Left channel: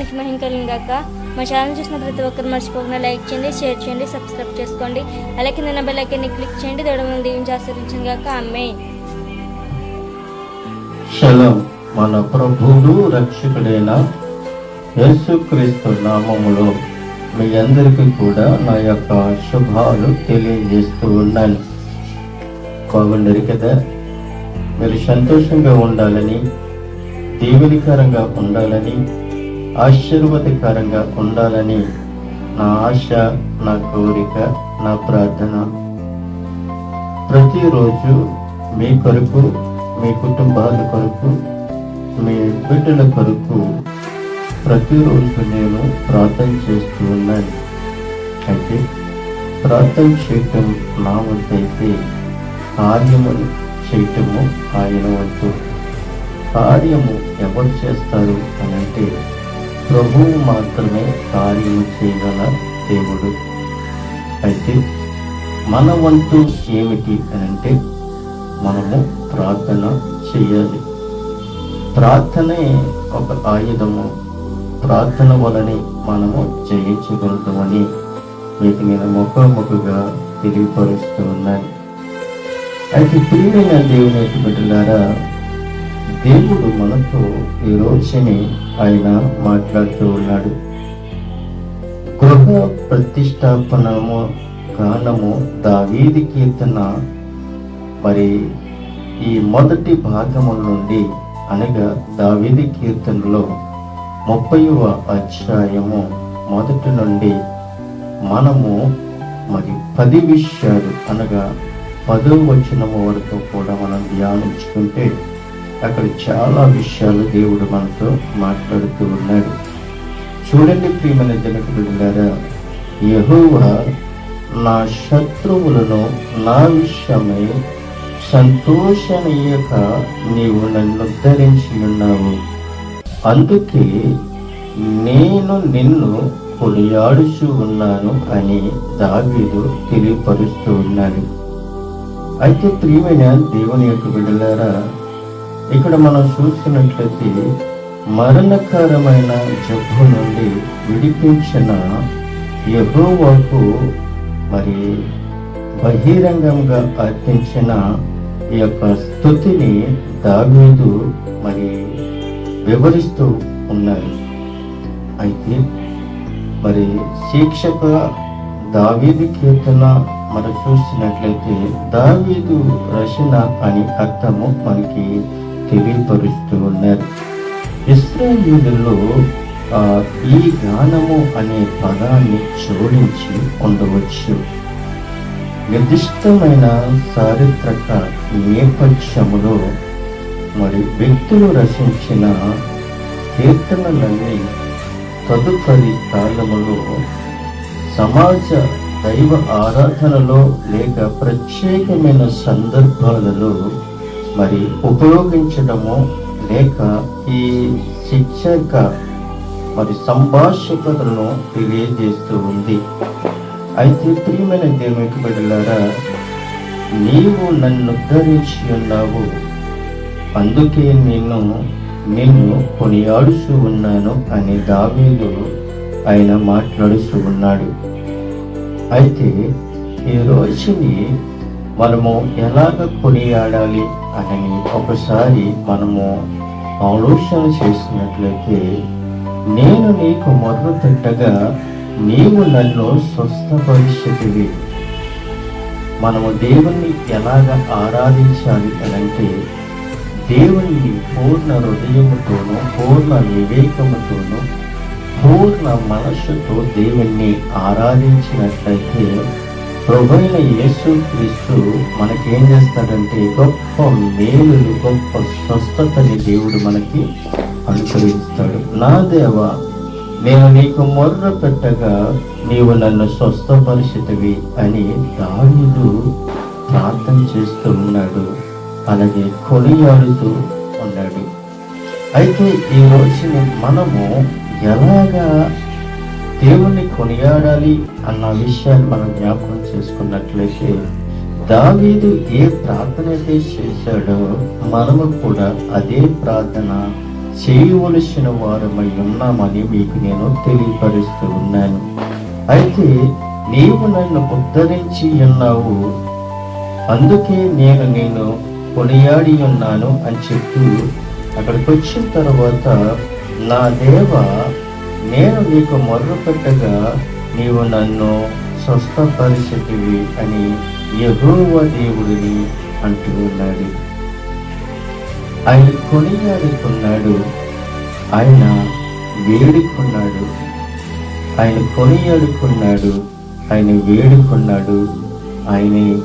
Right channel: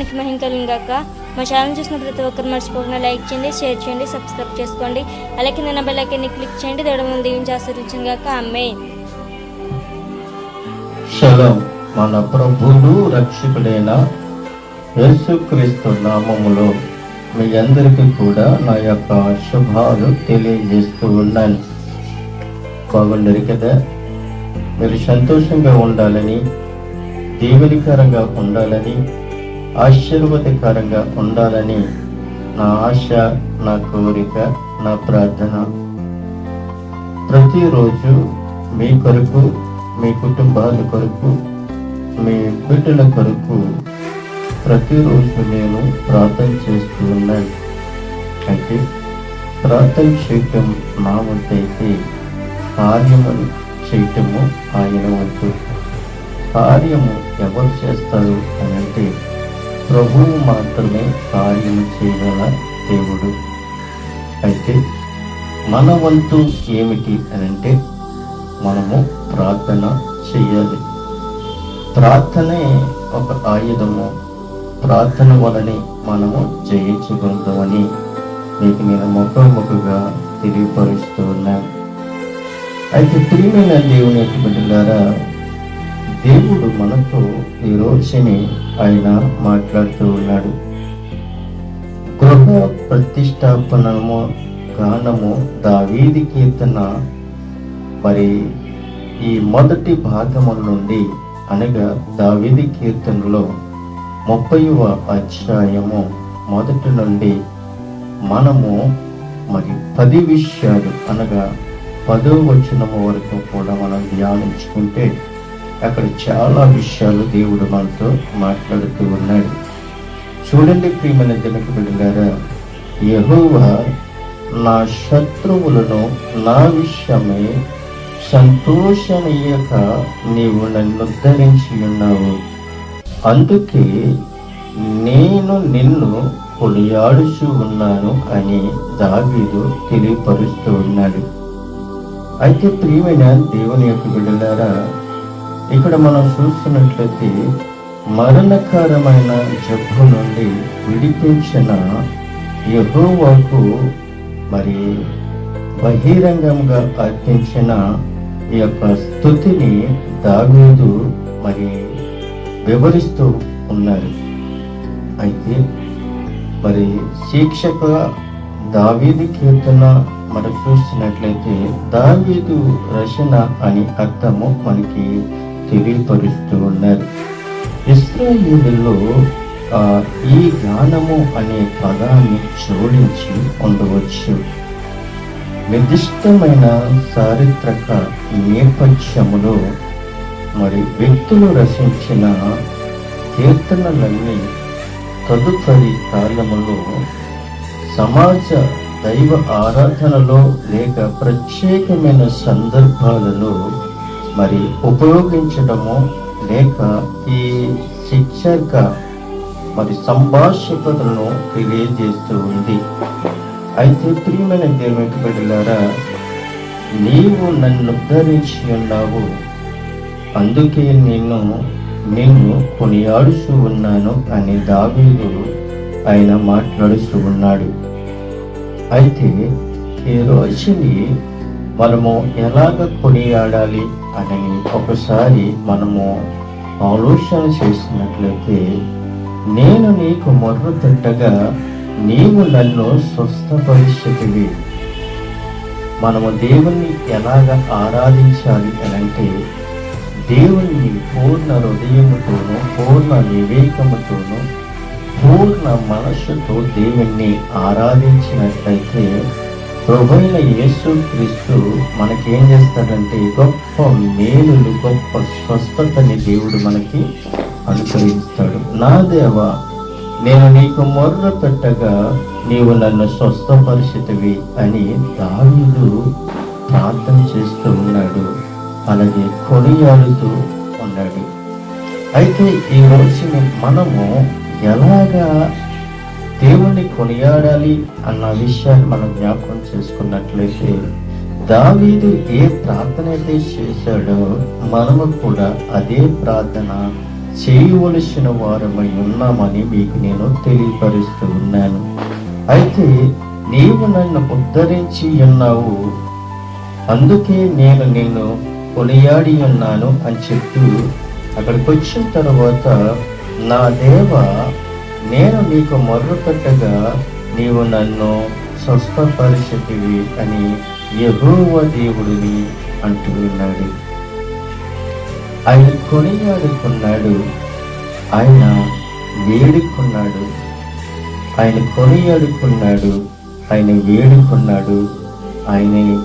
నామానికి మహిమ మా ఛానల్ చూసిన ప్రతి ఒక్కరు మర్చిపోకుండా లైక్ చేయండి షేర్ చేయండి సబ్స్క్రైబ్ చేసుకోండి. అలాగే కింద బెల్ ఐకాన్ని క్లిక్ చేయండి. దేవుడు దీవించి ఆశ్రయించిన గాక అమ్మే శలం మన ప్రభువు రక్షకుడైన యేసుక్రీస్తు నామములో మీ అందరికీ కూడా నా యొక్క శుభాలు తెలియజేస్తూ ఉన్నాను. బాగుండరు కదా? మీరు సంతోషంగా ఉండాలని దీవెనికరంగా ఉండాలని ఆశీర్వాదకరంగా ఉండాలని నా ఆశ నా కోరిక నా ప్రార్థన. ప్రతిరోజు మీ కొరకు మీ కుటుంబాల కొరకు మీ బిడ్డల కొరకు ప్రతిరోజు నేను ప్రార్థన చేస్తూ ఉన్నాను. అయితే ప్రార్థన చేయటం నా వంతు కార్యము చేయటము ఆయన వంతు. కార్యము ఎవరు చేస్తారు అనంటే అంటే ప్రభువు మాత్రమే కార్యం చేయగల దేవుడు. అయితే మన వంతు ఏమిటి అని అంటే మనము ప్రార్థన చేయాలి. ప్రార్థనే ఒక ఆయుధము. ప్రార్థన వలని మనము జయించగలుగుతామని మీకు నేను ముఖాముఖిగా తెలియపరుస్తూ ఉన్నాను. అయితే ప్రియమైన దేవుని బిడ్డలారా దేవుడు మనతో ఈ రోజుని ఆయన మాట్లాడుతూ ఉన్నాడు. గృహ ప్రతిష్టాపనము గానము దావీది కీర్తన మరి ఈ మొదటి భాగము నుండి అనగా దావీది కీర్తనలో ముప్పైవ అధ్యాయము మొదటి నుండి మనము మరి పది విషయాలు అనగా పదో వచనము వరకు కూడా మనం ధ్యానించుకుంటే అక్కడ చాలా విషయాలు దేవుడు మనతో మాట్లాడుతూ ఉన్నాడు. చూడండి ప్రియమైన జనకుడుగారా యెహోవా నా శత్రువులను నా విషయమై సంతోషనీయక నీవు నన్ను ఉద్ధరించి ఉన్నావు. అందుకే నేను నిన్ను కొనియాడుచు ఉన్నాను అని దావీదు తెలియపరుస్తూ ఉన్నాడు. అయితే ప్రియమైన దేవుని యొక్క బిడ్డలారా ఇక్కడ మనం చూస్తున్నట్లయితే మరణకరమైన జబ్బు నుండి విడిపించిన యహోవాకు మరి బహిరంగంగా అర్పించిన ఈ యొక్క స్థుతిని దాగోదు మరి వివరిస్తూ ఉన్నారు అయితే మరి శిక్షక దావీదు కీర్తన మరి చూసినట్లయితే దావీదు రచన అని అర్థము మనకి తెలియపరుస్తూ ఉన్నారు ఇస్రాయేలులో ఆ, ఈ గానము అనే పదాన్ని జోడించి ఉండవచ్చు నిర్దిష్టమైన చారిత్రక నేపథ్యములో మరి వ్యక్తులు రచించిన కీర్తనలన్నీ తదుపరి కాలములో సమాజ దైవ ఆరాధనలో లేక ప్రత్యేకమైన సందర్భాలలో మరి ఉపయోగించడము లేక ఈ శిక్షక మరి సంభాషికతను తెలియజేస్తూ ఉంది. అయితే ప్రియమైన దేవునికి బిడ్డలారా నీవు నన్ను ఉద్ధరించి ఉన్నావు. అందుకే నేను నిన్ను కొనియాడుచూ ఉన్నాను అని దావీదు ఆయన మాట్లాడుస్తూ ఉన్నాడు. అయితే ఈ రోజుని మనము ఎలాగ కొనియాడాలి అని ఒకసారి మనము ఆలోచన చేసినట్లయితే నేను నీకు మొర్ర తిట్టగా నీవు నన్ను స్వస్థపరిస్థితివి మనము దేవుణ్ణి ఎలాగ ఆరాధించాలి అనంటే అంటే పూర్ణ హృదయంతోనూ పూర్ణ వివేకముతోనూ పూర్ణ మనస్సుతో దేవుణ్ణి ఆరాధించినట్లయితే ప్రభుత్వ యేసు క్రీస్తు మనకేం చేస్తాడంటే గొప్ప మేలులు గొప్ప స్వస్థతని దేవుడు మనకి అనుభవిస్తాడు నా దేవ నేను నీకు మొర్ర పెట్టగా నీవు నన్ను స్వస్థపరిచితవి అని దావీదు ప్రార్థన చేస్తూ ఉన్నాడు. అలాగే కొనియాడుతూ ఉన్నాడు. అయితే ఈ రోజున మనము ఎలాగా దేవుణ్ణి కొనియాడాలి అన్న విషయాన్ని మనం జ్ఞాపకం చేసుకున్నట్లయితే దావీదు ఏ ప్రార్థన అయితే చేశాడో మనము కూడా అదే ప్రార్థన చేయవలసిన వారమై ఉన్నామని మీకు నేను తెలియపరుస్తూ ఉన్నాను. అయితే నీవు నన్ను ఉద్ధరించి ఉన్నావు. అందుకే నేను నిన్ను కొనియాడి ఉన్నాను అని చెప్తూ అక్కడికి వచ్చిన తర్వాత నా దేవ నేను నీకు మొర్ర పెట్టగా నీవు నన్ను స్వస్థపరిచితివి అని యహోవ దేవుడిని అంటూ ఉన్నాడు. ఆయన కొనియాడుకున్నాడు. ఆయన వేడుకున్నాడు. ఆయన కొనియాడుకున్నాడు. ఆయన వేడుకున్నాడు. ఆయన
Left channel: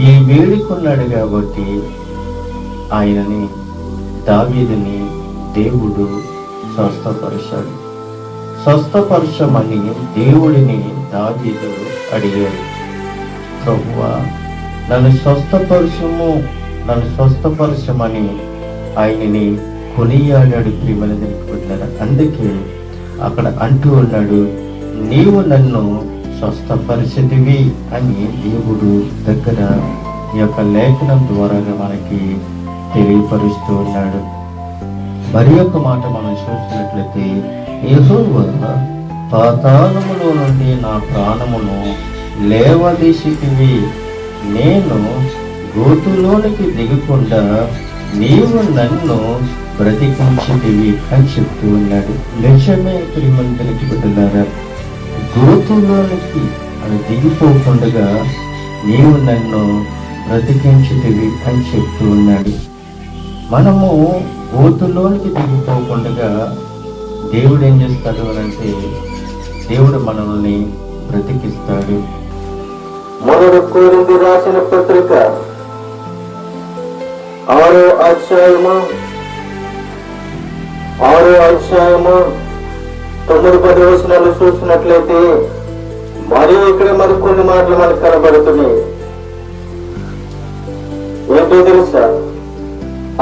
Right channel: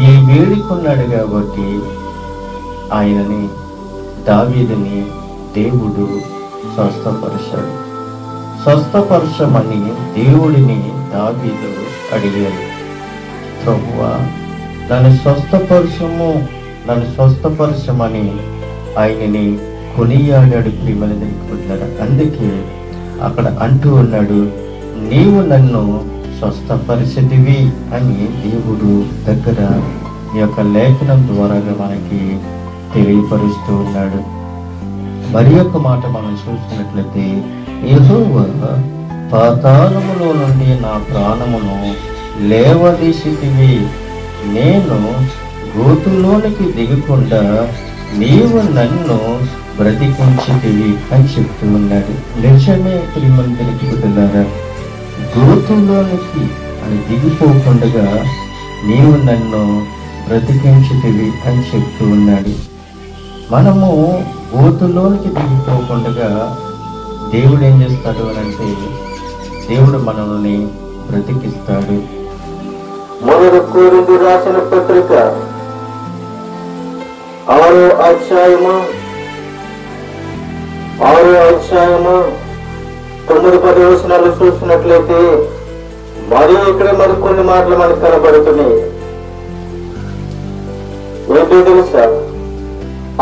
ఈ వేడుకున్నాడు కాబట్టి ఆయనని దావీదుని దేవుడు స్వస్థపరిచాడు. స్వస్థపరచమని దేవుడిని దావీదు అడిగాడు ప్రభువ నన్ను స్వస్థపరచము నన్ను స్వస్థపరచమని ఆయనని కొనియాడాడు ప్రియమైన దేవుడు అందుకే అక్కడ అంటూ ఉన్నాడు నీవు నన్ను స్వస్థపరిచితివి అని దేవుడు దగ్గర ఈ యొక్క లేఖనం ద్వారాగా మనకి తెలియపరుస్తూ ఉన్నాడు. మరి యొక్క మాట మనం చూసినట్లయితే యహోవా పాతాళములో నుండి నా ప్రాణమును లేవదీసితివి. నేను గోతులోనికి దిగకుండా నీవు నన్ను బ్రతికించితివి అని చెప్తూ ఉన్నాడు. నిజమే ప్రియమందరికి బిడ్డలారా గోతులోనికి అని దిగిపోకుండా నీవు నన్ను బ్రతికించితివి అని చెప్తూ ఉన్నాడు. మనము గోతులోనికి దిగిపోకుండా దేవుడు ఏం చేస్తాడు అని అంటే దేవుడు మనల్ని బ్రతికిస్తాడు. మొదటి కోరింది రాసిన పత్రిక ఆరో అధ్యాయము ఆరో అధ్యాయము తొమ్మిది పది వచనాలు చూసినట్లయితే మరి ఇక్కడ మరి కొన్ని మాటలు మనకు కనబడుతున్నాయి. ఏంటో తెలుసా?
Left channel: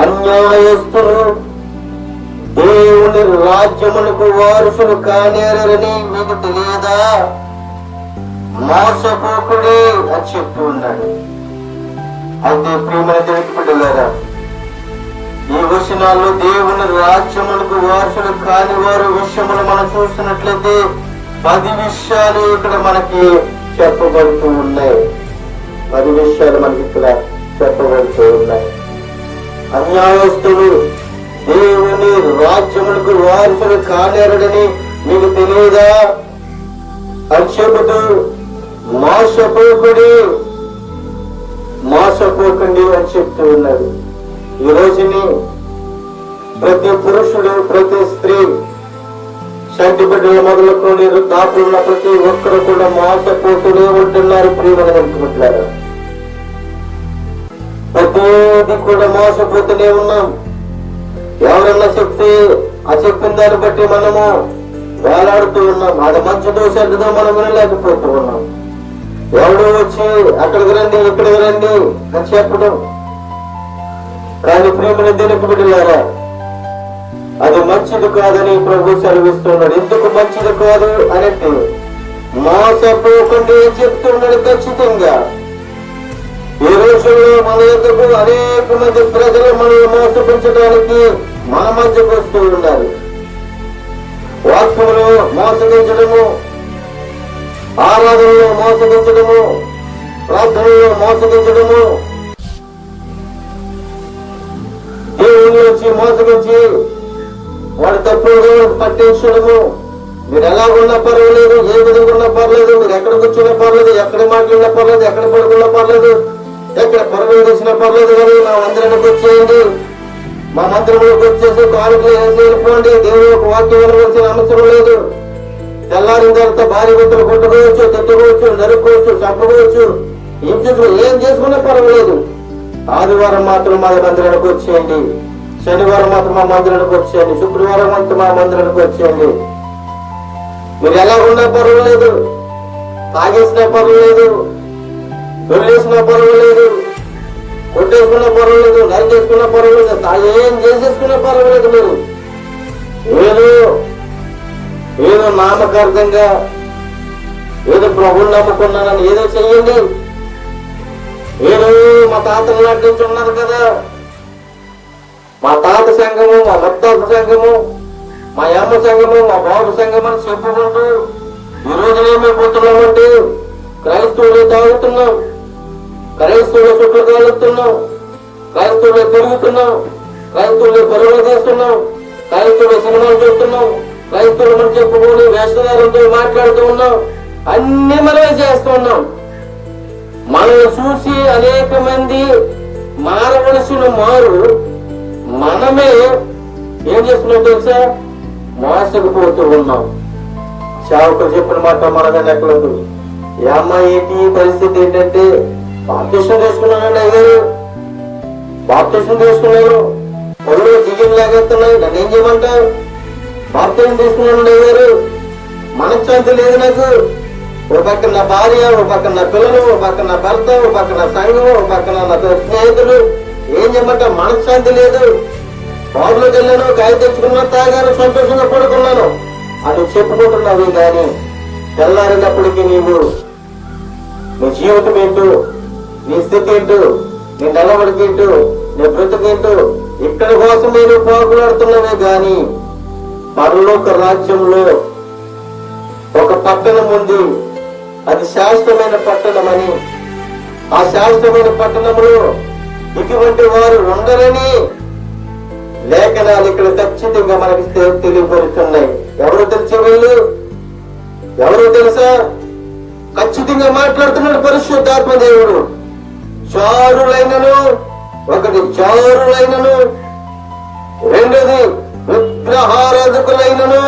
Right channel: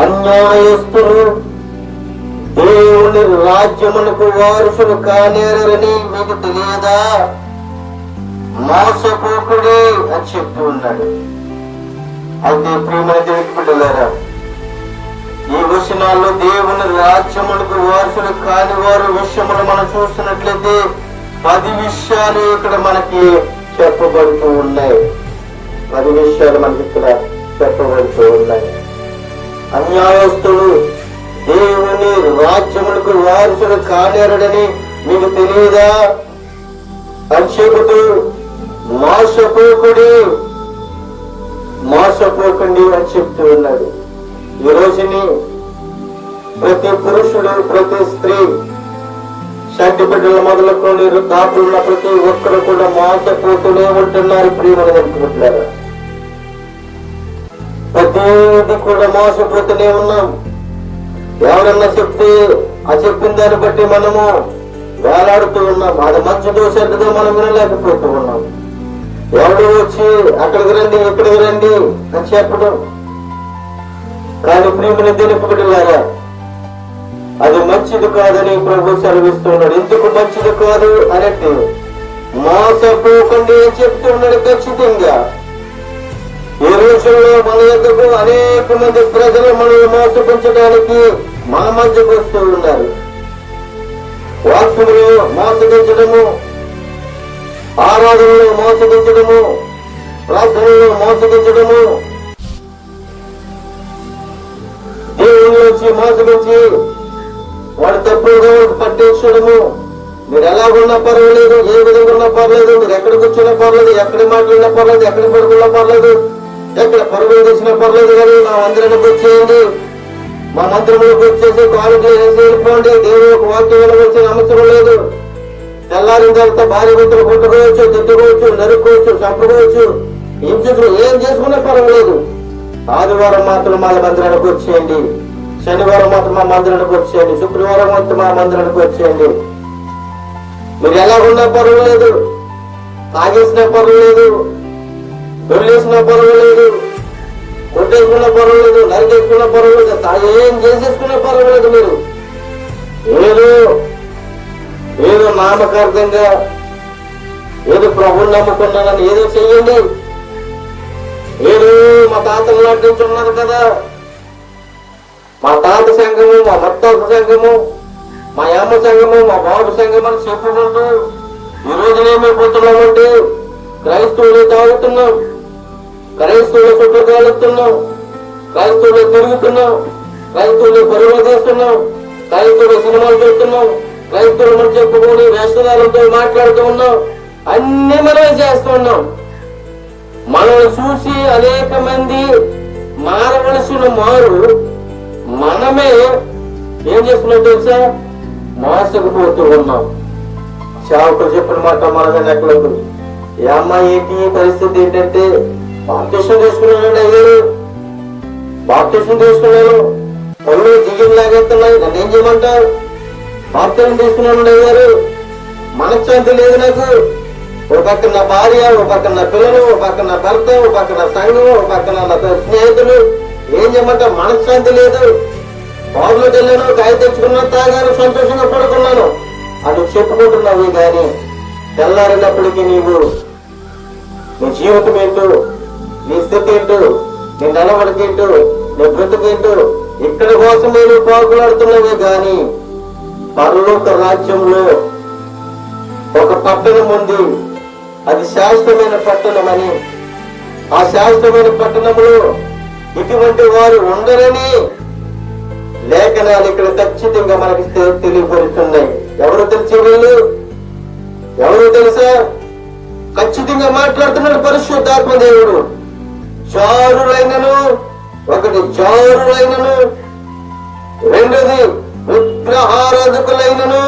అన్యాయస్తులు దేవుని రాజ్యమునకు వారసులు కానేరని మీకు తెలియదా? మోసపోకుడి అని చెప్తూ ఉన్నాడు. అయితే ప్రేమల దేవుడికి పిల్లలారా ఈ వచనాల్లో దేవుని రాజ్యములకు వారసులు కాని వారు విషయములు మనం చూస్తున్నట్లయితే పది విషయాలు ఇక్కడ మనకి చెప్పబడుతూ ఉన్నాయి. పది విషయాలు మనకి ఇక్కడ చెప్పబడుతూ ఉన్నాయి. అన్యాయస్తులు దేవుని రాజ్యములకు వారసులు కానేరడని మీకు తెలియదా? అని చెబుతూ మోసపోకుడి మోసపోకండి అని చెప్తూ ఉన్నాడు. ఈ రోజుని ప్రతి పురుషుడు ప్రతి స్త్రీ షడ్డి బిడ్డల మొదలుకొని కాపులున్న ప్రతి ఒక్కరు కూడా మోసపోతూనే ఉంటున్నారు ప్రియమని అనుకుంటున్నారు? ప్రతిది కూడా మోసపోతూనే ఉన్నాం. ఎవరన్నా చెప్తే ఆ చెప్పిన దాన్ని బట్టి మనము వేలాడుతూ ఉన్నాం. అది మంచిదో చెడ్డదో మనం వినలేకపోతూ ఉన్నాం. ఎవడో వచ్చి అక్కడికి రండి ఇక్కడికి రండి అని చెప్పడం కానీ ప్రేమను దేనికి అది మంచిది కాదని ప్రభు సెలవిస్తున్నాడు. ఎందుకు మంచిది కాదు అనేది మోసపోకుండా అని చెప్తున్నాడు ఖచ్చితంగా. ఈ రోజుల్లో మన ఎందుకు అనేక మంది ప్రజలు మనల్ని మోసపించడానికి మన మధ్యకు వస్తూ ఉన్నారు. వాక్యములు మోసగించడము ఆరాధనలో మోసగించడము ప్రార్థనలో మోసగించడము దేవుళ్ళొచ్చి మోసగించి వాడు తప్పులుగా పట్టించడము. మీరు ఎలా ఉన్నా పర్వాలేదు ఏ విధంగా ఉన్నా పర్లేదు మీరు ఎక్కడ కూర్చున్నా పర్లేదు ఎక్కడ మాట్లాడినా పర్లేదు ఎక్కడ పడుకున్నా పర్లేదు ఎక్కడ పరుగులు తీసినా పర్లేదు కానీ మా మందిరానికి వచ్చేయండి మా మందిరంలోకి వచ్చేసి కానుకలు వేసి వెళ్ళిపోండి దేవుని యొక్క వాక్యం వినవలసిన అవసరం లేదు. తెల్లారిన తర్వాత భార్య బిడ్డలు కొట్టుకోవచ్చు తిట్టుకోవచ్చు నరుక్కోవచ్చు చంపుకోవచ్చు. ఏం చేసుకున్నా ఏం చేసుకున్నా పర్వాలేదు. ఆదివారం మాత్రం మా మందిరానికి వచ్చేయండి. శనివారం మాత్రం మా మందిరానికి వచ్చేయండి. శుక్రవారం మాత్రం మా మందిరానికి వచ్చేయండి. మీరు ఎలా ఉన్నా పర్వాలేదు. తాగేసినా పర్వాలేదు. దొల్లేసినా పర్వాలేదు. కొట్టేసుకున్నా పర్వాలేదు నరికేసుకున్నా పర్వాలేదు ఏం చేసేసుకున్న పర్వాలేదు మీరు. ఏదో ఏదో నామకార్థంగా ఏదో ప్రభుని నమ్ముకున్నానని ఏదో చెయ్యండి. ఏదో మా తాతల నాటి నుంచి ఉన్నది కదా. మా తాత సంఘము మా ముత్తాత సంఘము మా అమ్మ సంఘము మా బాబు సంఘం అని చెప్పుకుంటూ ఈ రోజునేమైపోతున్నామంటే క్రైస్తవులే తాగుతున్నాం. క్రైస్తవుల చుట్టూ కాలుస్తున్నాం క్రైస్తవులు తిరుగుతున్నాం క్రైస్తవులు పరుగులు చేస్తున్నాం క్రైస్తవుల సినిమాలు చూస్తున్నాం క్రైస్తవులు చెప్పుకొని వేషధారంతో మాట్లాడుతూ ఉన్నాం అన్ని మనమే చేస్తూ ఉన్నాం. మనం చూసి అనేక మంది మారవలసిన మారు మనమే ఏం చేస్తున్నాం తెలుసా? మోసకపోతూ ఉన్నాం. చావుకు చెప్పిన మాట మనమే నెక్కలేదు ఈ అమ్మాయి ఏంటి? పరిస్థితి ఏంటంటే బాప్తిష్టం తీసుకున్నానండి అయ్యారు బాప్తిష్టం తీసుకున్నాను పనులు జియ్యం లాగేస్తున్నాయి నన్ను ఏం చేయమంటావు? బాప్టిషన్ తీసుకున్నానండి అయ్యారు మనశ్శాంతి లేదు నాకు. ఓ పక్కన నా భార్య ఓ పక్కన నా పిల్లలు ఓ పక్కన నా భర్త ఓ పక్కన నా సంఘం ఓ పక్కన నా స్నేహితులు. ఏం చేయమంటావు? మనశ్శాంతి లేదు. బాబులోకి వెళ్ళాను గాయ తెచ్చుకున్నా తాగాను సంతోషంగా పడుకున్నాను. అది చెప్పుకుంటున్నావు కానీ తెల్లారినప్పటికీ నీకు నీ జీవితం ఏంటో నీ స్థితి ఏంటో నీ నడవడికి నీ బ్రతుకేంటో. ఇక్కడ కోసం నువ్వు పాకులాడుతున్నావే గాని పరలోక రాజ్యంలో ఒక పట్టణం ఉంది. అది శాశ్వతమైన పట్టణం అని ఆ శాశ్వతమైన పట్టణంలో ఇటువంటి వారు ఉండరని లేఖనాలు ఇక్కడ ఖచ్చితంగా మనకి తెలియపరుస్తున్నాయి. ఎవరు తెలిసి వీళ్ళు? ఎవరు తెలుసా? ఖచ్చితంగా మాట్లాడుతున్నాడు పరిశుద్ధాత్మ దేవుడు. జారులైనను ఒకటి జారులైనను రెండోది విగ్రహారాధకులైనను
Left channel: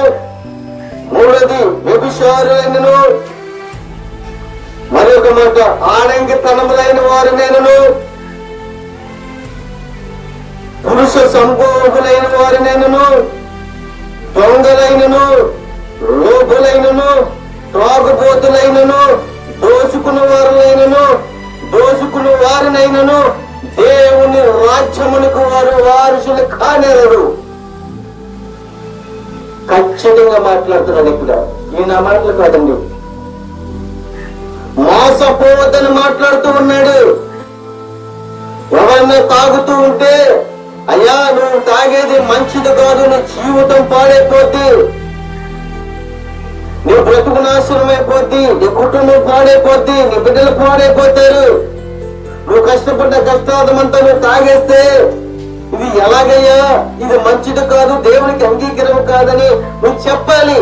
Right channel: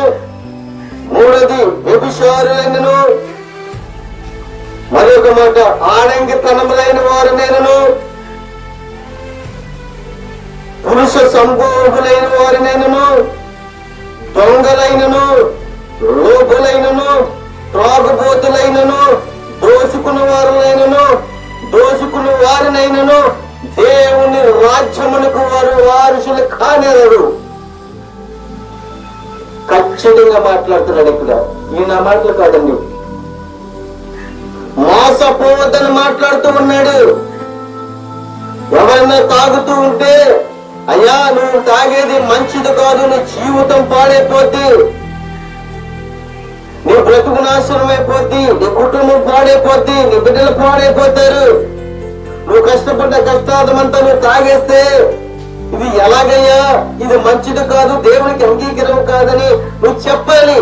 మూడోది వ్యభిచారులైనను మరొక మాట ఆడంగి వారు వారినైనను పురుష సంభోగులైన వారినైనను దొంగలైనను లోపులైనను త్రాగుబోతులైనను దోచుకున్న వారులైనను దోషకులు వారినైనను దేవుని రాజ్యమునకు వారు వారసులు కానేరరు. ఖచ్చితంగా మాట్లాడుతున్నాడు ఇక్కడ. ఈయన మాటలు కాదండి. మోసపోవద్దని మాట్లాడుతూ ఉన్నాడు. ఎవరైనా తాగుతూ ఉంటే అయ్యా నువ్వు తాగేది మంచిది కాదు నీ జీవితం పాడైపోతే నీ బ్రతుకు నాశనం అయిపోద్ది నీ కుటుంబం పాడైపోద్ది నీ బిడ్డలు పాడైపోతారు. నువ్వు కష్టపడ్డ కష్టాదమంతా నువ్వు తాగేస్తే ఇది ఎలాగయ్యా? ఇది మంచిది కాదు దేవునికి అంగీకారం కాదని నువ్వు చెప్పాలి.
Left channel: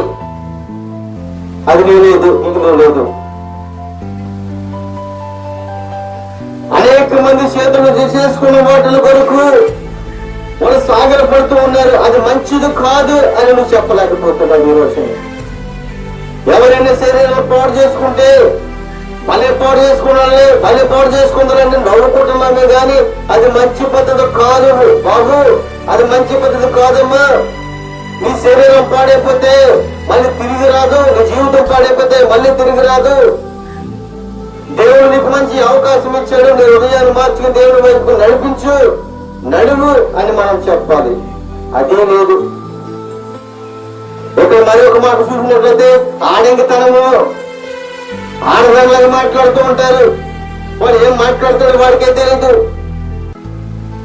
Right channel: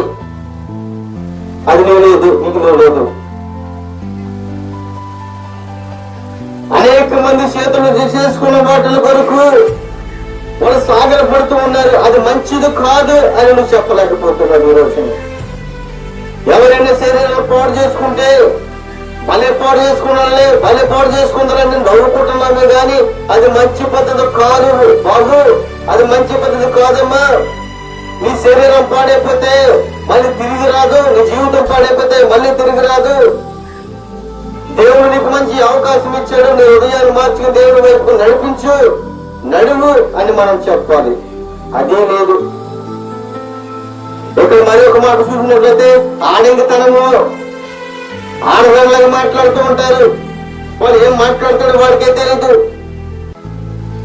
అది నువ్వు లేదు నీకు నువ్వు లేదు. అనేక మంది చేతులు చేసుకున్న వాటిల కొరకు వాళ్ళు సాగర పడుతూ ఉన్నారు. అది మంచిది కాదు అని నువ్వు చెప్పలేకపోతున్నావు ఈ రోజు ఎవరైనా శరీరాలు పాడు చేసుకుంటే భలే పాడు చేసుకున్నాళ్ళే భలే పాడు చేసుకుందాలని నవ్వుకుంటున్నామే గాని అది మంచి పద్ధతి కాదు బాబు అది మంచి పద్ధతి కాదమ్మా. నీ శరీరం పాడైపోతే మళ్ళీ తిరిగి రాదు నీ జీవితం పాడైపోతే మళ్ళీ తిరిగి రాదు. దేవుడు నీకు మంచి అవకాశం ఇచ్చాడు నీ హృదయాన్ని మార్చుకుని దేవుడి వైపు నడిపించు నడుము అని మనం చెప్పాలి. అదే లేదు. ఇక్కడ మరి ఒక మాట చూసినట్లయితే ఆడంగితనము. ఆడదానిలాగా మాట్లాడుతూ ఉంటారు. వాళ్ళు ఏం మాట్లాడతాడు వాడికే తెలియదు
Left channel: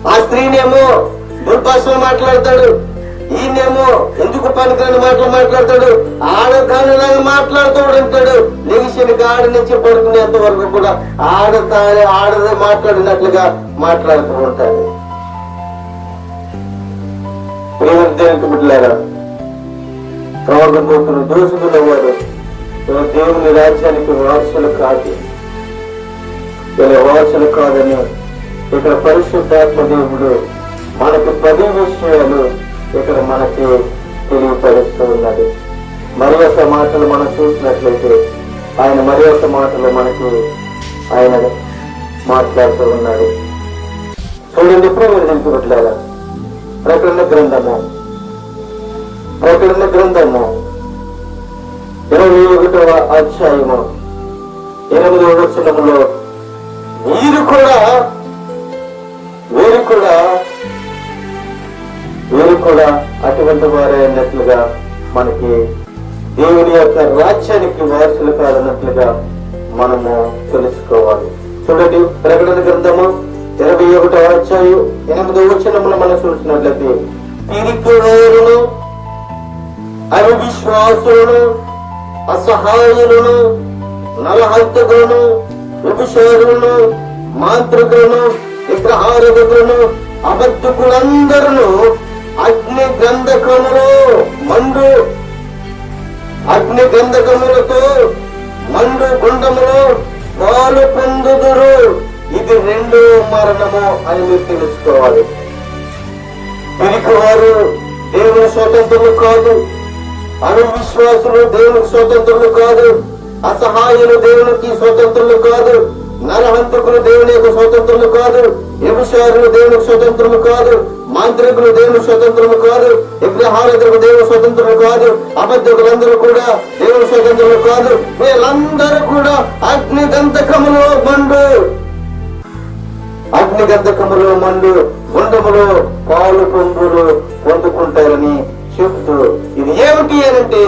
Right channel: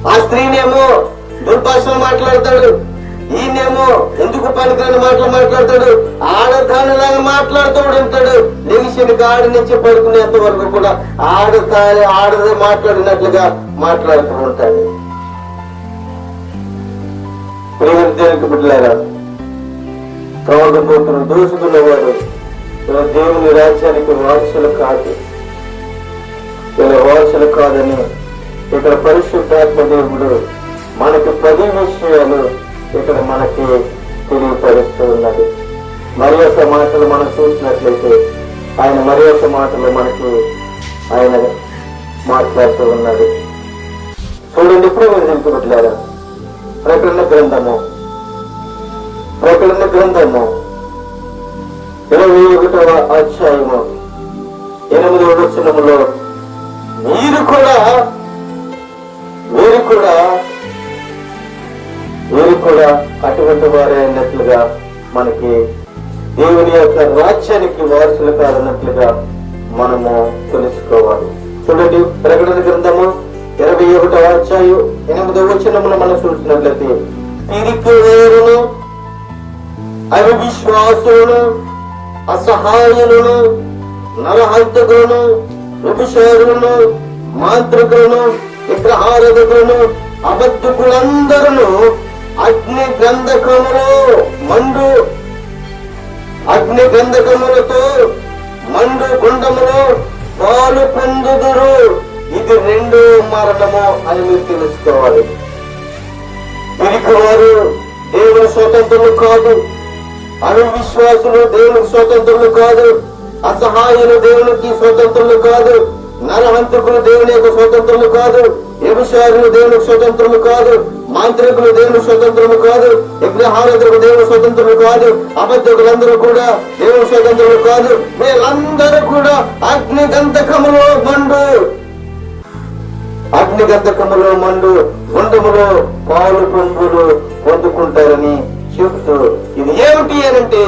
ఆ స్త్రీనేమో దుర్భాషలు మాట్లాడతాడు. ఈయనేమో ఎందుకు పనికిరాని మాటలు మాట్లాడతాడు? ఆడదానిలాగా మాట్లాడుతూ ఉంటాడు లెగిసిన గాడి నుంచి పడుకునేంత వరకు కూడా ఆడతాని ఆడద మాట్లాడినట్లుగా మాట్లాడుతూ ఉంటాడు. ప్రేమ దేవునికి బిడ్డలేరా త్రాగుబోతులు దోచుకున్నవారు వీళ్ళ దేవుని రాజ్యానికి వారసులు కాదు. వీళ్ళ వారసులు కాదని ఇక్కడ పరిశుద్ధాత్మ దేవుడు మనకి పది విషయాలు ఇక్కడ మనకి తెలియపరుస్తూ ఉన్నాడు. మరి యొక్క మాటలు మనం చూసినట్లయితే ఆయన మరి యొక్క మాటలు మనకి ఆయన మాట్లాడుతూ ఉన్నాడు. చూడండి ఇప్పుడు నేను తెలుపుకుంటున్నారా ప్రకటన గ్రంథము ప్రకటన గ్రంథము ఇరవై ఒకటవ అధ్యాయము. ఎనిమిది వచనములో మీరు కూడా మీరు కూడా మీరు కూడా అటువంటి వారే అన్నట్లుగా మనకి దేవుని యొక్క రాజ్యానికి వారసులు కాదన్నట్లుగా మనము తెలుసుకోవాలి. చూడండి ప్రకటన గ్రంథము ఇరవై ఒకటో అధ్యాయం ఎనిమిదో వచనములు మనం చూసినట్లయితే పిరికివారును అవిశ్వాసులను అసహాయులను నరహంతకులను విభిషారులను మాంత్రికులను విగ్రహారధకులను అబద్ధకులందరూ అగ్ని గంధకములో మండు అగ్ని గంధకములతో మండు గుండములో పాలు పొందుదురు. ఇది రెండో మరణము అని మీరు తెలుసుకోవాలి. తిరిగి వారు దేవుని స్వతంత్రులు కాదు. అవిశ్వాసులు దేవునికి స్వతంత్రులు కాదు. అసహాయులు దేవునికి స్వతంత్రులు కాదు. నరహంతకులు దేవుని యొక్క స్వతంత్రులు కాదు. వ్యభిచారులు దేవునికి స్వతంత్రులు కాదు. మాంత్రికులు దేవుని స్వతంత్రులు కాదు. విగ్రహారాధకులు దేవుని స్వతంత్రులు కాదు. అబద్ధకులందరూ కూడా దేవుని స్వతంత్రులు కాదు. వీళ్ళందరూ కూడా అగ్ని గంధకములో మండు. అగ్ని గంధకములో మండు. గుండములో పాలు పొంగులు పొందుకుంటారని చెబుతూ ఇది ఏమిటి అంటే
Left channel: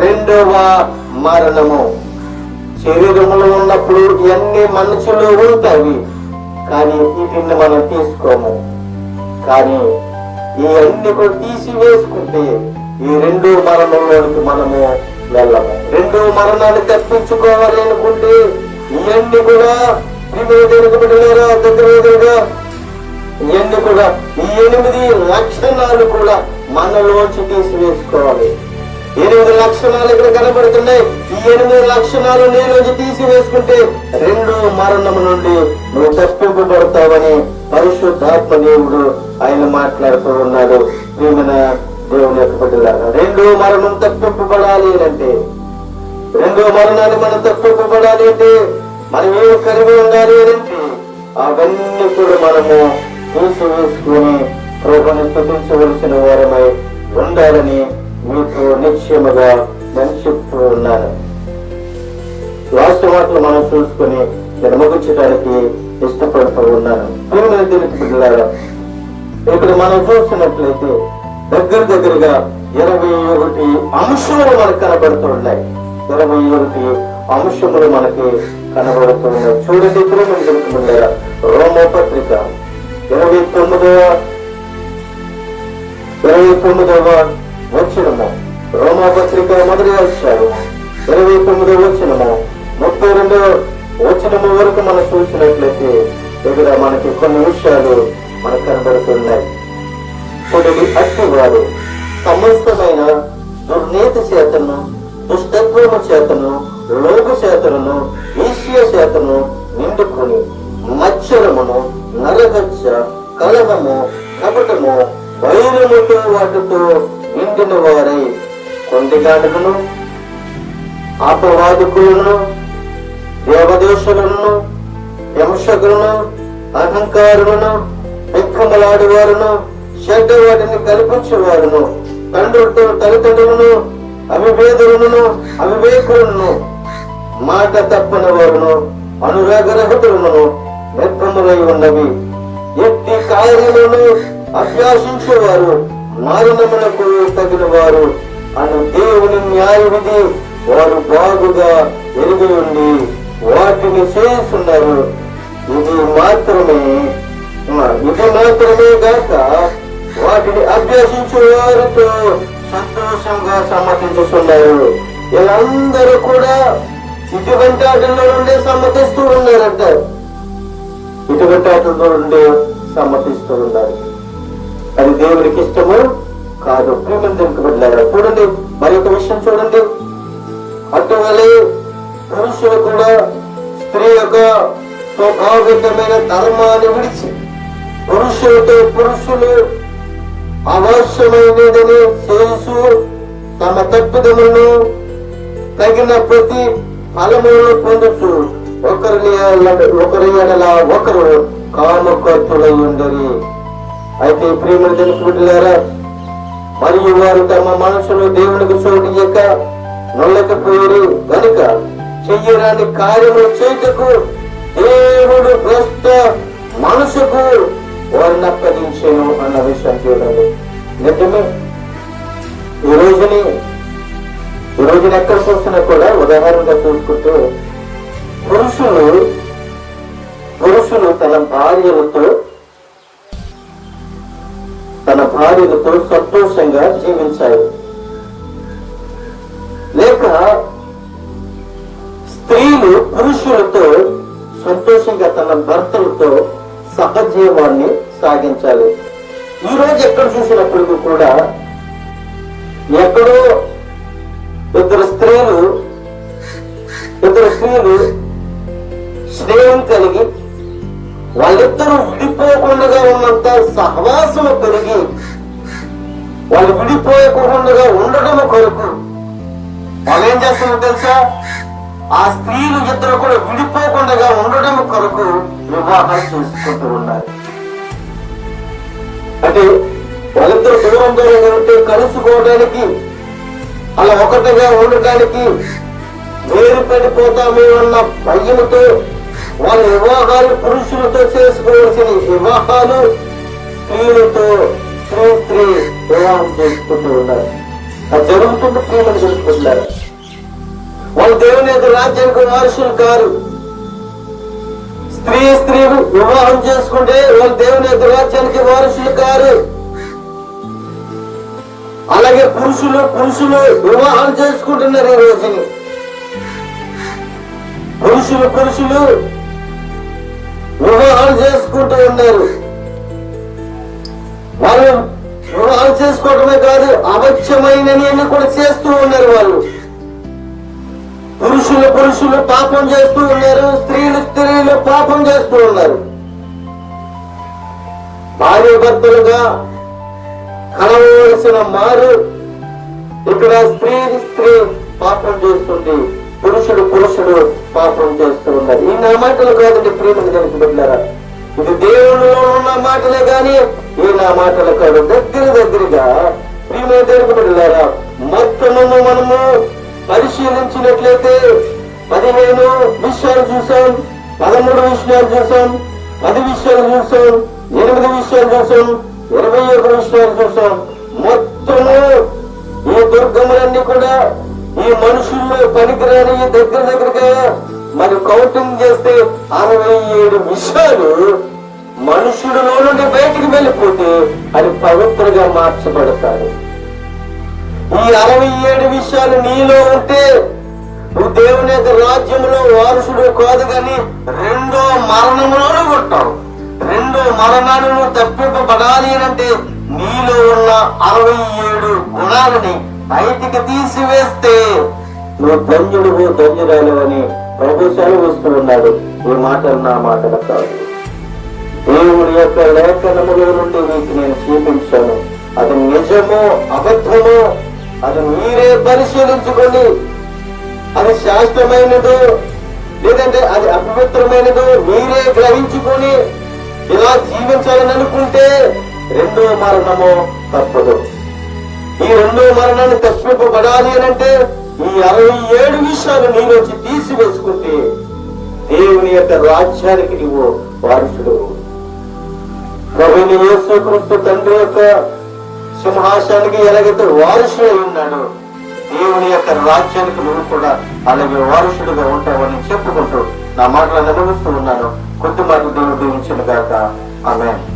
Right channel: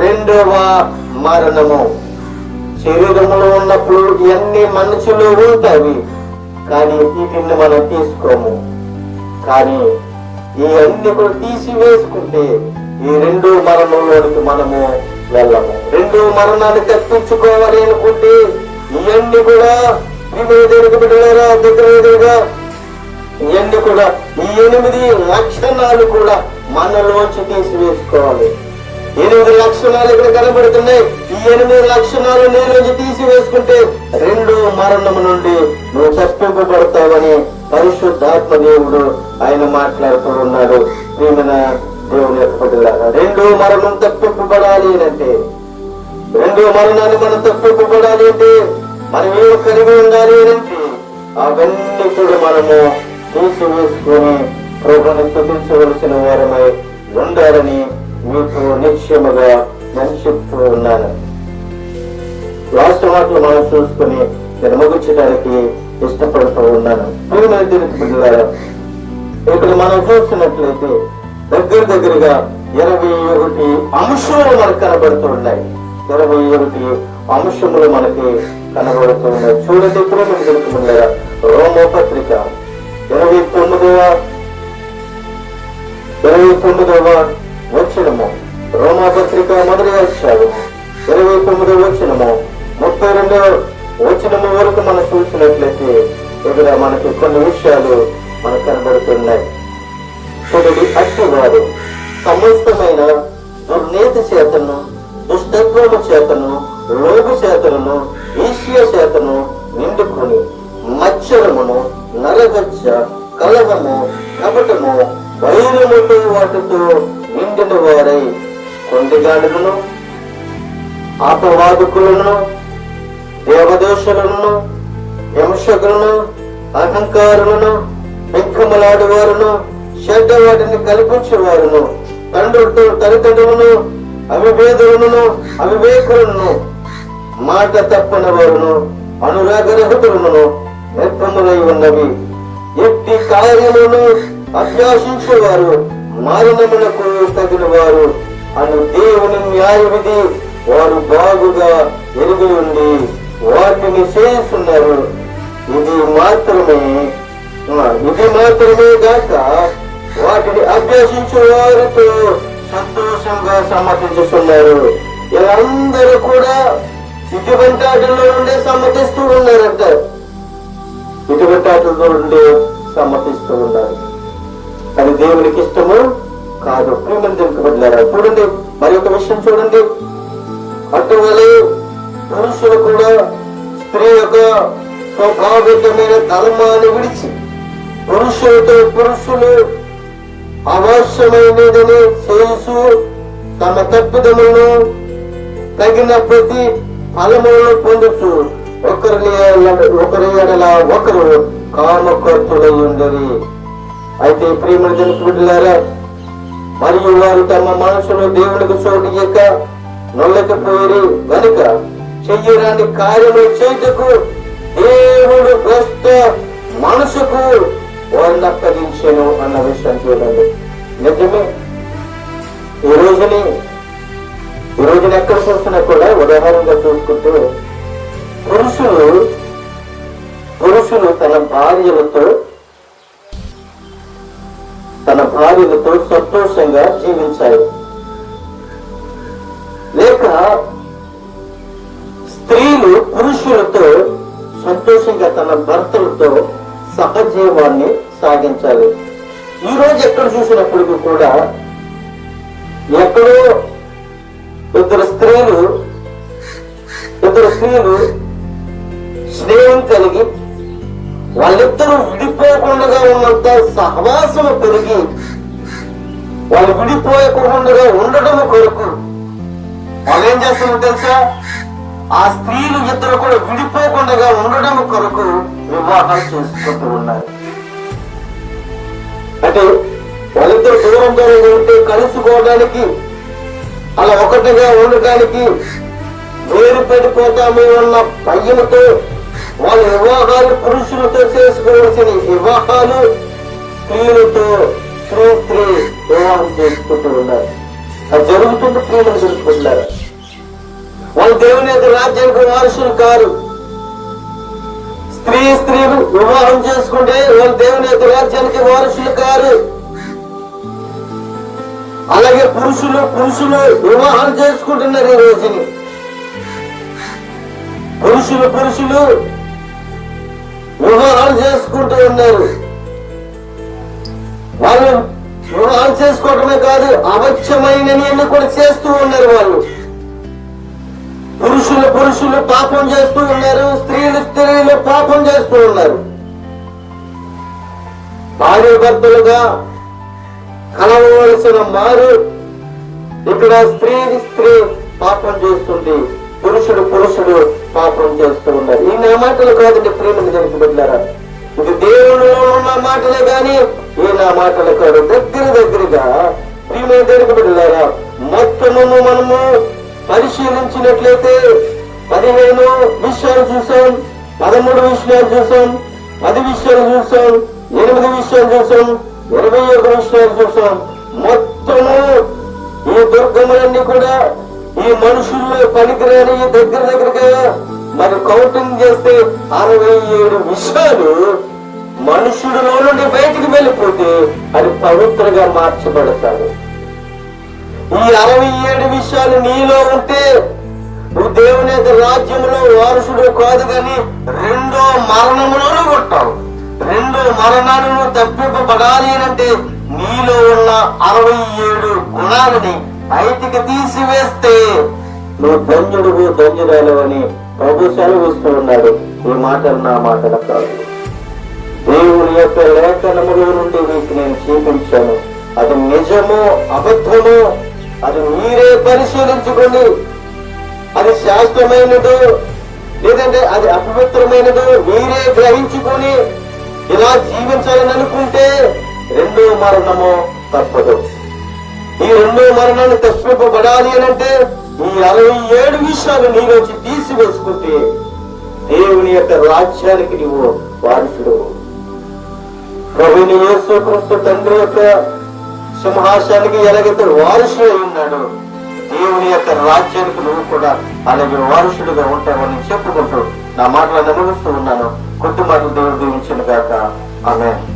రెండవ మరణము. శరీరములో ఉన్నప్పుడు ఇవన్నీ మనసులో ఉంటాయి కానీ వీటిని మనం తీసుకోము. కానీ ఈ అన్ని కూడా తీసివేసుకుంటే ఈ రెండో మరణంలోనికి మనము వెళ్ళము. రెండో మరణాన్ని తప్పించుకోవాలి అనుకుంటే ఇవన్నీ కూడా దగ్గర దగ్గరగా ఇవన్నీ కూడా ఈ ఎనిమిది లక్షణాలు కూడా మనలోంచి తీసివేసుకోవాలి ఎనిమిది లక్షణాలు ఇక్కడ కనబడుతున్నాయి. ఈ ఎనిమిది లక్షణాలు నీలోంచి తీసివేసుకుంటే రెండో మరణం నుండి నువ్వు తప్పింపబడతావని పరిశుద్ధాత్మ దేవుడు ఆయన మాట్లాడుతూ ఉన్నాడు. ప్రేమన దేవుని యొక్క రెండో మరణం తప్పింపబడాలి అంటే రెండో మరణాన్ని మనం తప్పింపబడాలి అంటే మనం ఏమి కలిగి ఉండాలి అంటే అవన్నీ కూడా మనము తీసివేసుకుని ప్రభుని స్థుతించవలసిన వారమై ఉండాలని మీకు నిశ్చయముగా నేను చెప్తూ ఉన్నాను. లాస్ట్ మాటలు మనం చూసుకుని నేను ముగించడానికి ఇష్టపడుతూ ఉన్నాను. ప్రియమైన దేవుని బిడ్డలారా, ఇక్కడ మనం చూసినట్లయితే దగ్గర దగ్గరగా ఇరవై ఒకటి అంశములు మనకు కనబడుతూ ఉన్నాయి. ఇరవై ఒకటి అంశములు మనకి కనబడుతూ ఉన్నాయి. చూడండి ప్రేమ తెలుపుతున్నారా రోమో పత్రిక ఇరవై తొమ్మిదవ ఇరవై తొమ్మిదవ వచ్చినము రోమా పత్రిక మొదటి అధ్యాయం ఇరవై తొమ్మిదవ వచ్చినము ముప్పై రెండవ వచనము వరకు మనం చూసినట్లయితే ఇక్కడ మనకి కొన్ని విషయాలు మనకు కనబడుతున్నాయి. చూడండి అట్టి వారు సమస్తమైన దుర్నీతి చేతను దుష్టత్వము చేతను లోపు చేతను ఈశ్వ చేతను నిండుకొని మచ్చరమును నరహత్య కలహము కపటము వైరముతో వాటితో నిండిన వారై కొండిగాడులను అపవాదుకులను దేవదేశులను హింసకులను అహంకారులను వెంకమలాడువారును చెడ్డ వాటిని కల్పించేవారును తండ్రులతో తల్లిదండ్రులను అవివేదులను అవివేకులను మాట తప్పని వారును అనురాగరహితులను వ్యర్థములై ఉన్నవి. ఎట్టి కార్యములను అభ్యాసించేవారు మరణమునకు తగిన వారు అను దేవుని న్యాయ విధి వారు బాగుగా ఎరిగి ఉండి వాటిని చేస్తున్నారు ఇది మాత్రమే ఇది మాత్రమే గాక వాటిని అభ్యసించే వారితో సంతోషంగా సమర్థించుతున్నారు వీళ్ళందరూ కూడా ఇటువంటి ఆటల్లో నుండే సమ్మతిస్తూ ఉన్నారంట ఇటువంటి ఆటల్లో నుండి సమ్మతిస్తూ ఉన్నారు అది దేవునికి ఇష్టము కాదు ప్రేమించబడినారు చూడండి. మరి ఒక విషయం చూడండి. అటువలే పురుషులు కూడా స్త్రీ యొక్క స్వాభావికమైన ధర్మాన్ని విడిచి పురుషులతో పురుషులు అవశ్యమైనదని చేసు తమ తప్పిదములను తగిన ప్రతి ఫలములను పొందుచు ఒకరిని ఒకరి ఎడల ఒకరు కామకర్తులై ఉండరి అయితే ప్రేమల జనకులారా మరియు వారు తమ మనసులో దేవునికి చోటు ఇయ్యక నొల్లకపోయి గనుక చెయ్యరాని కార్యము చేయుటకు దేవుడు భ్రష్ట మనసుకు వర్ణప్పగించాను అన్న విషయం చూడండి. నిజమే. ఈ రోజుని ఈ రోజున ఎక్కడ చూస్తున్నా కూడా ఉదాహరణగా చూసుకుంటూ పురుషులు పురుషులు తన భార్యలతో తన భార్యలతో సంతోషంగా జీవించాలి. లేక స్త్రీలు పురుషులతో సంతోషంగా తన భర్తలతో సహజీవాన్ని సాగించాలి. ఈ రోజు ఎక్కడ చూసినప్పటికీ కూడా ఎక్కడో ఇద్దరు స్త్రీలు ఇద్దరు స్త్రీలు స్నేహం కలిగి వాళ్ళిద్దరూ విడిపోకుండా ఉన్నంత సహవాసము పెరిగి వాళ్ళు విడిపోయకుండా ఉండడం కొరకు వాళ్ళు ఏం చేస్తున్నారు తెలుసా? ఆ స్త్రీలు ఇద్దరు కూడా విడిపోకుండా ఉండడం కొరకు వివాహం చేసుకుంటూ ఉన్నారు. అంటే వాళ్ళిద్దరు దూరం దూరంగా ఉంటే కలుసుకోవడానికి అలా ఒకటిగా ఉండటానికి వేరు పడిపోతామే ఉన్న భయంతో వాళ్ళ వివాహాలు పురుషులతో చేసుకోవాల్సిన వివాహాలు స్త్రీలతో స్త్రీ స్త్రీ వివాహం చేసుకుంటూ ఉన్నారు. అది జరుగుతుంది స్త్రీలను తెలుసుకుంటున్నారు వాళ్ళు దేవుని యొక్క రాజ్యానికి వారసులు కారు. స్త్రీ స్త్రీ వివాహం చేసుకుంటే వాళ్ళు దేవుని యొక్క రాజ్యానికి వారసులు కారు. అలాగే పురుషులు పురుషులు వివాహాలు చేసుకుంటున్నారు ఈ రోజుని. పురుషులు పురుషులు వివాహాలు చేసుకుంటూ ఉన్నారు వాళ్ళు వివాహాలు చేసుకోవటమే కాదు అవశ్యమైనని కూడా చేస్తూ ఉన్నారు వాళ్ళు. పురుషులు పురుషులు పాపం చేస్తూ ఉన్నారు స్త్రీలు స్త్రీలు పాపం చేస్తూ ఉన్నారు. భార్య భర్తలుగా కలవలసిన మారు ఇక్కడ స్త్రీ స్త్రీ పాపం చేస్తుంది. పురుషుడు పురుషుడు పాపం చేస్తూ ఉన్నారు. ఈ నా మాటలు కాదండి ప్రేమను తెలిసి పెట్టారా ఇది దేవునిలో ఉన్న మాటలే కానీ ఈ నా మాటలు కాదు. దగ్గర దగ్గరగా ప్రేమ దేవునికి మొత్తము మనము పరిశీలించినట్లయితే పదిహేను విషయాలు చూసాం పదమూడు విషయాలు చూసాం పది విషయాలు చూసాం ఎనిమిది విషయాలు చూసాం ఇరవై ఒక విషయాలు చూసాం. మొత్తము ఈ దుర్గములన్నీ కూడా మనుషుల్లో పనికిరాని దగ్గర దగ్గరగా మరి కౌంటింగ్ చేస్తే అరవై ఏడు విషయాలు మనుషుడిలో నుండి బయటికి వెళ్ళిపోతే అది పవిత్రగా మార్చబడతాడు. ఈ అరవై ఏడు విషయాలు నీలో ఉంటే నువ్వు దేవుని యొక్క రాజ్యంలో వారసుడు కాదు కానీ రెండో మరణంలోనూ ఉంటావు రెండో మరణాన్ని నువ్వు తప్పింపబడాలి అంటే నీలో ఉన్న అరవై ఏడు గుణాలని బయటికి తీసివేస్తే నువ్వు ధన్యుడు ధన్యురాలవని ప్రభు సెలవిస్తూ ఉన్నాడు. ఈ మాటలు నా మాటలు కాదు. దేవుని యొక్క లేఖనములో నుండి వీటిని నేను చూపించాను. అది నిజమో అబద్ధమో అది మీరే పరిశీలించుకోండి. అది శాస్త్రమైనదో లేదంటే అది అపవిత్రమైనదో మీరే గ్రహించుకొని ఇలా జీవించాలని అనుకుంటే రెండో మరణము తప్పదు. ఈ రెండో మరణాన్ని తప్పింపబడాలి అని అంటే ఈ అరవై ఏడు విషయాలు నీలోంచి తీసివేసుకుంటే దేవుని యొక్క రాజ్యానికి నీవు వారసుడు. ప్రభుని యేసు తండ్రి యొక్క సింహాసానికి ఎలాగైతే వారసుడు అయి ఉన్నాడు. దేవుని యొక్క రాజ్యానికి నువ్వు కూడా అలాగే వారసుడిగా ఉంటావని చెప్పుకుంటూ నా మాటలు అనుభవిస్తూ ఉన్నాను. కొద్ది మాటలు దేవుడు దీవించిన కాక ఆమె